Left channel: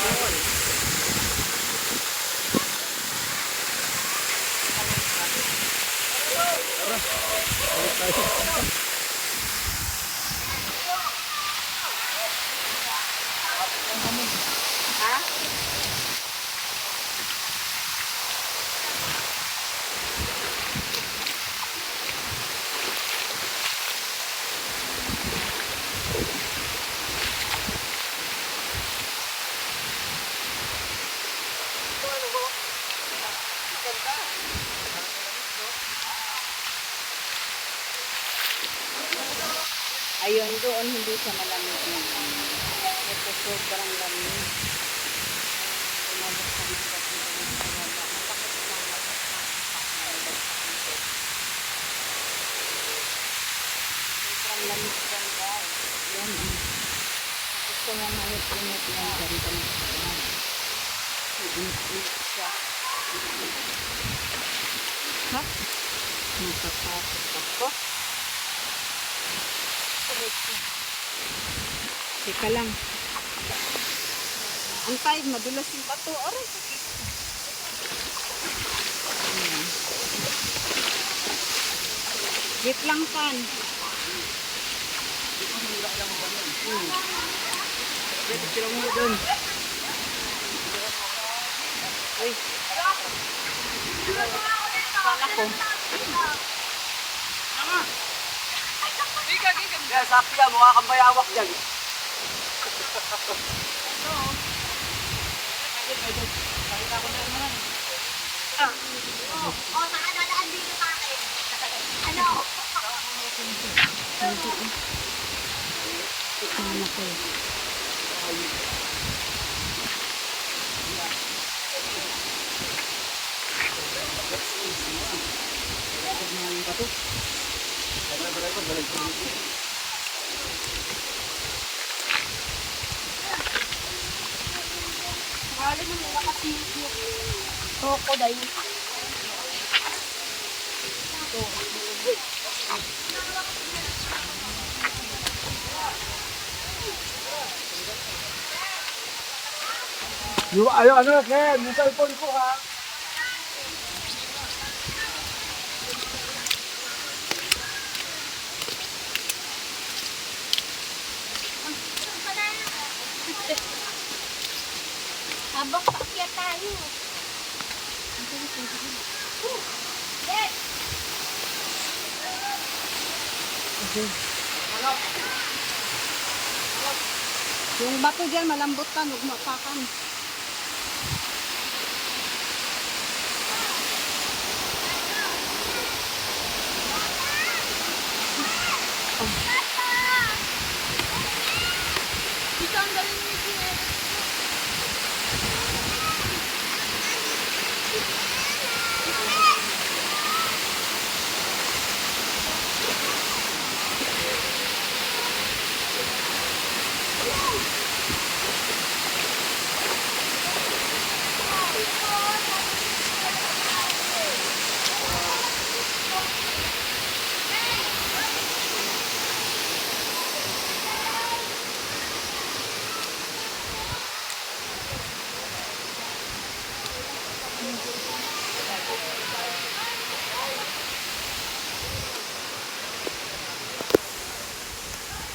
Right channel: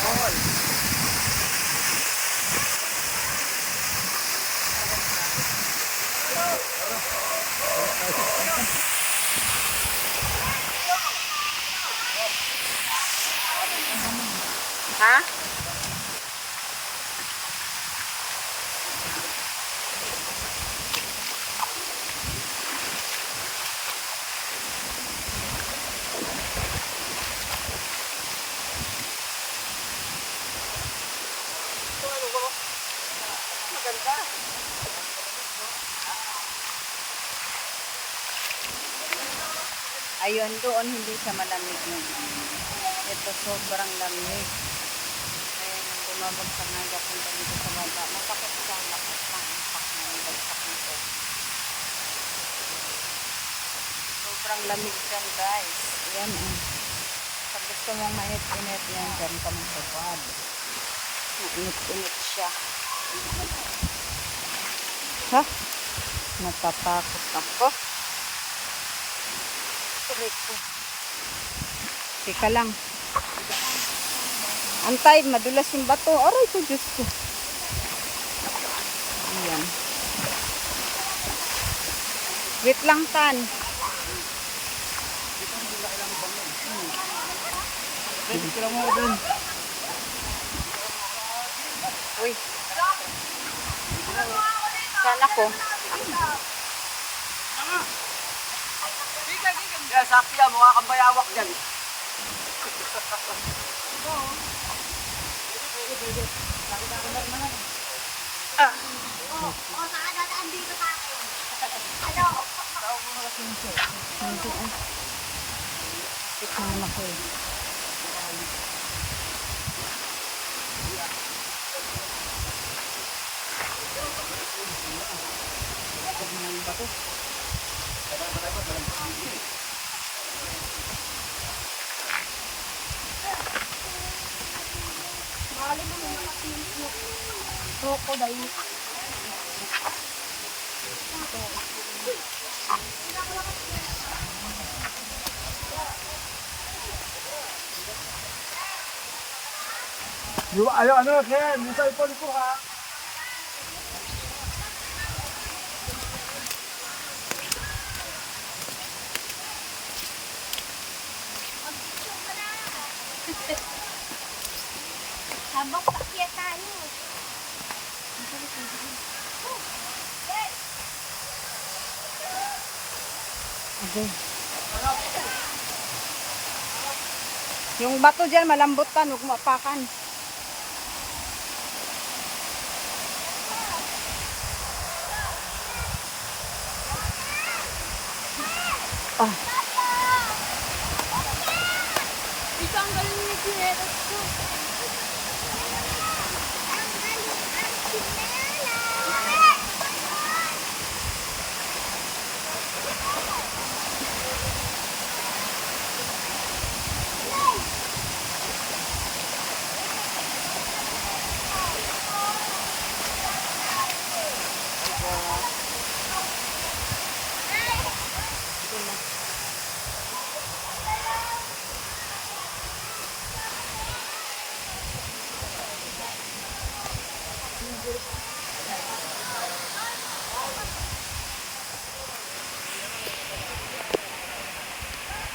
Falls. Ha? Ayun, doon hindi siya malamig yung ano. Ito sobrang lamig. Ayun, bumabagsak na papunta dito sa baba. Masakit sa lakas ng impact ng bagsak ng tubig. Sobrang lamig dyan guys. Ayan oh. Sa gusto mong mainit-init yan, dyan ka magsabad. Mainit-init siya. Ha? Natatakot ako. Teka lang. Antay, madulas yung bato. Aray ko, Diyos ko. Ayan. Wait lang, Tan. Sila mo doon. Uy. Saan ako? Kaya sabi ka, mukha kang bayawak dyan. Oh, nakadadaan dito sa akin. Ano? Hindi ah. Wait naman ako eh. Mali mo yung crocodile. Yung, ayo, ano, Ken, yung cellphone ko ha. Habang paakyat tayo. Okay. Yung bato dyan, malambot tan, huwag mo apakan. Oh.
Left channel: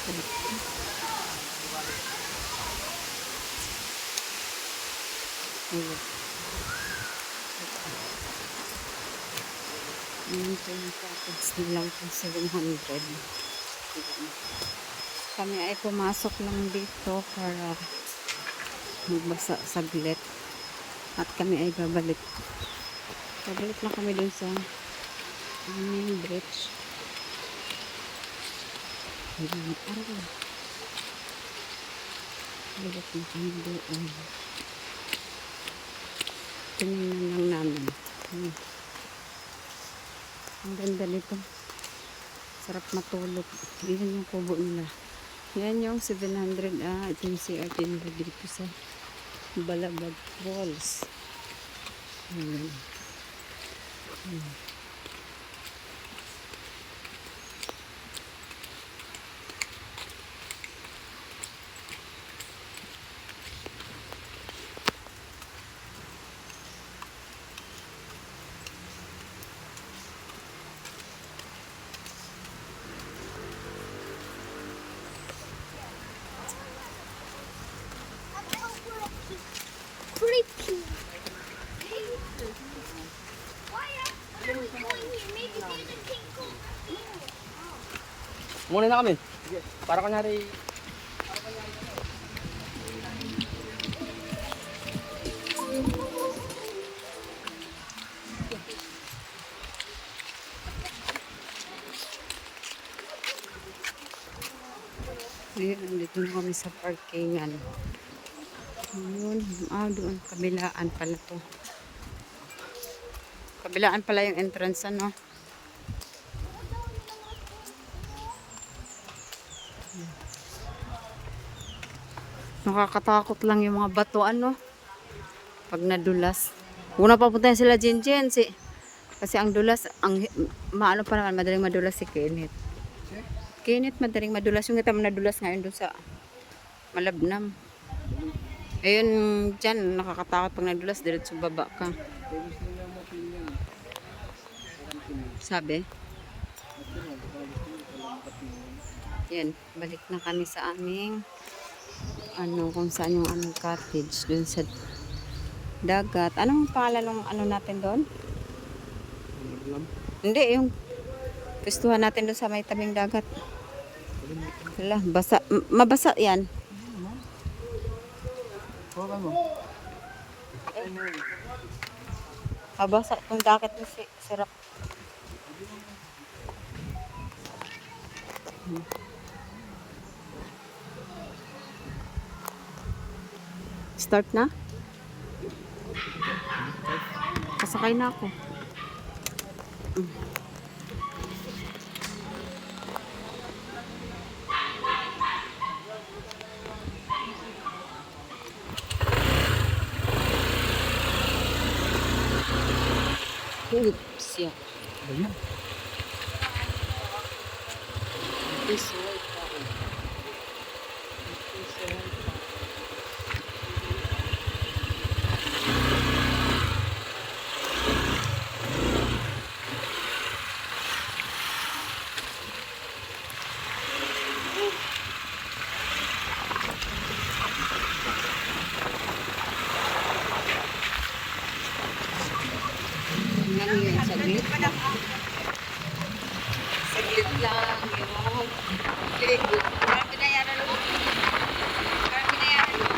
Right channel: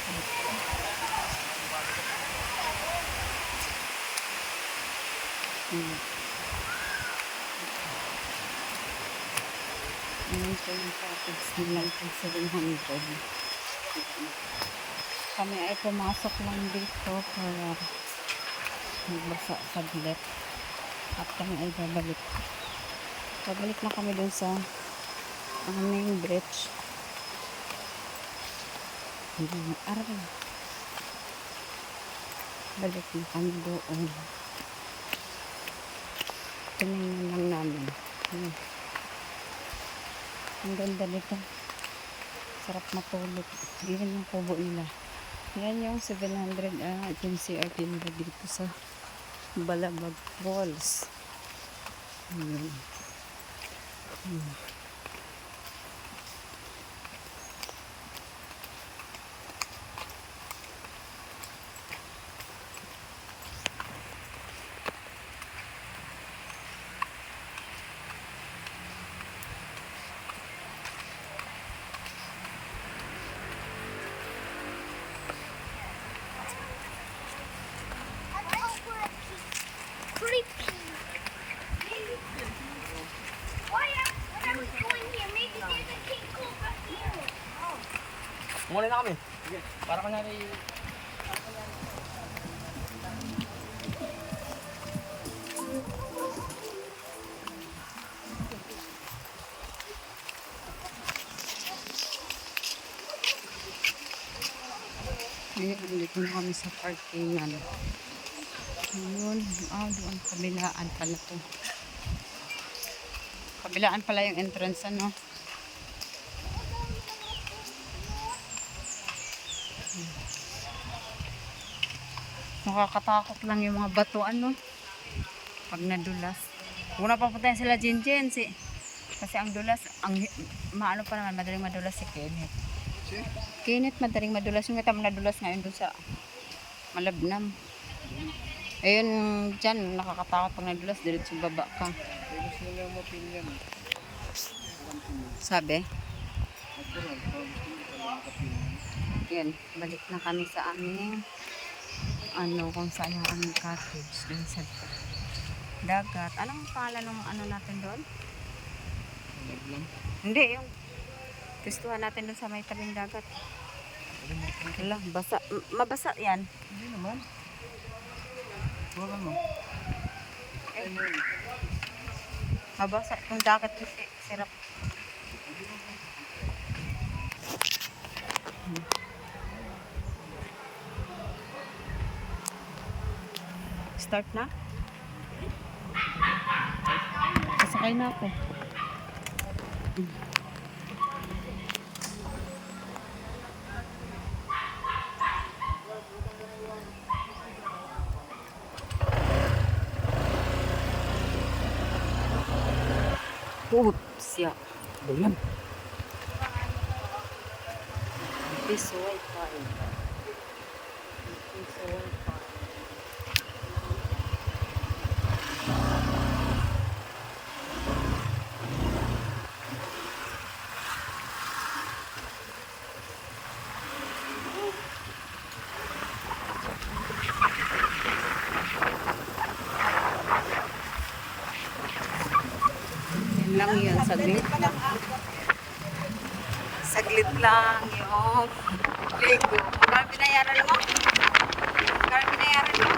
Ayan po yung package nilang po 700. Ayan. Kami ay pumasok lang dito para magbasa saglit. At kami ay babalik. Babalik na kami dun sa aming bridge. Ayan. Aray. Balik na kami doon. Tinignan lang namin. Ayan. Ang ganda nito. Sarap matulog. Yan yung kubo nila. Yan yung 700 ah, ito yung CRT nila dito sa Balabag Falls. Ayun. Hmm. Muna na kami. Sige. Para kunyari... Ayun, nandito na kami sa parkingan. Ayun, ah, doon, kabilaan pala to. Kabilaan pala yung entrance, ano? Nakakatakot lang yung mga bato, ano? Pag nadulas. Una pa punta sila Jinjen, si kasi ang dulas, ang maano pa naman, madaling madulas si Kenneth. Kenneth, madaling madulas. Yung itam nadulas ngayon doon sa Malabnam. Ayun, dyan, nakakatakot pag nadulas, diretso baba ka. Yan. Sabi? Yan, balik na kami sa aming ano, kung saan yung aming cottage dun sa dagat. Anong pangalan ng ano natin doon? Naglam. Hindi, yung pistuhan natin doon sa may tabing dagat. Kila, basa, mabasa yan. Hindi naman. Huwakan mo. Yun? Mabasa yung dagat na si, sirap. Hmm. Start na? Kasakay na ako. Mm. Oops, yeah. Ba yan? This tayo. This way tayo. lang yun, saglit lang. Saglit lang yung Lego. Kano binayaran mo? Kano binayaran mo?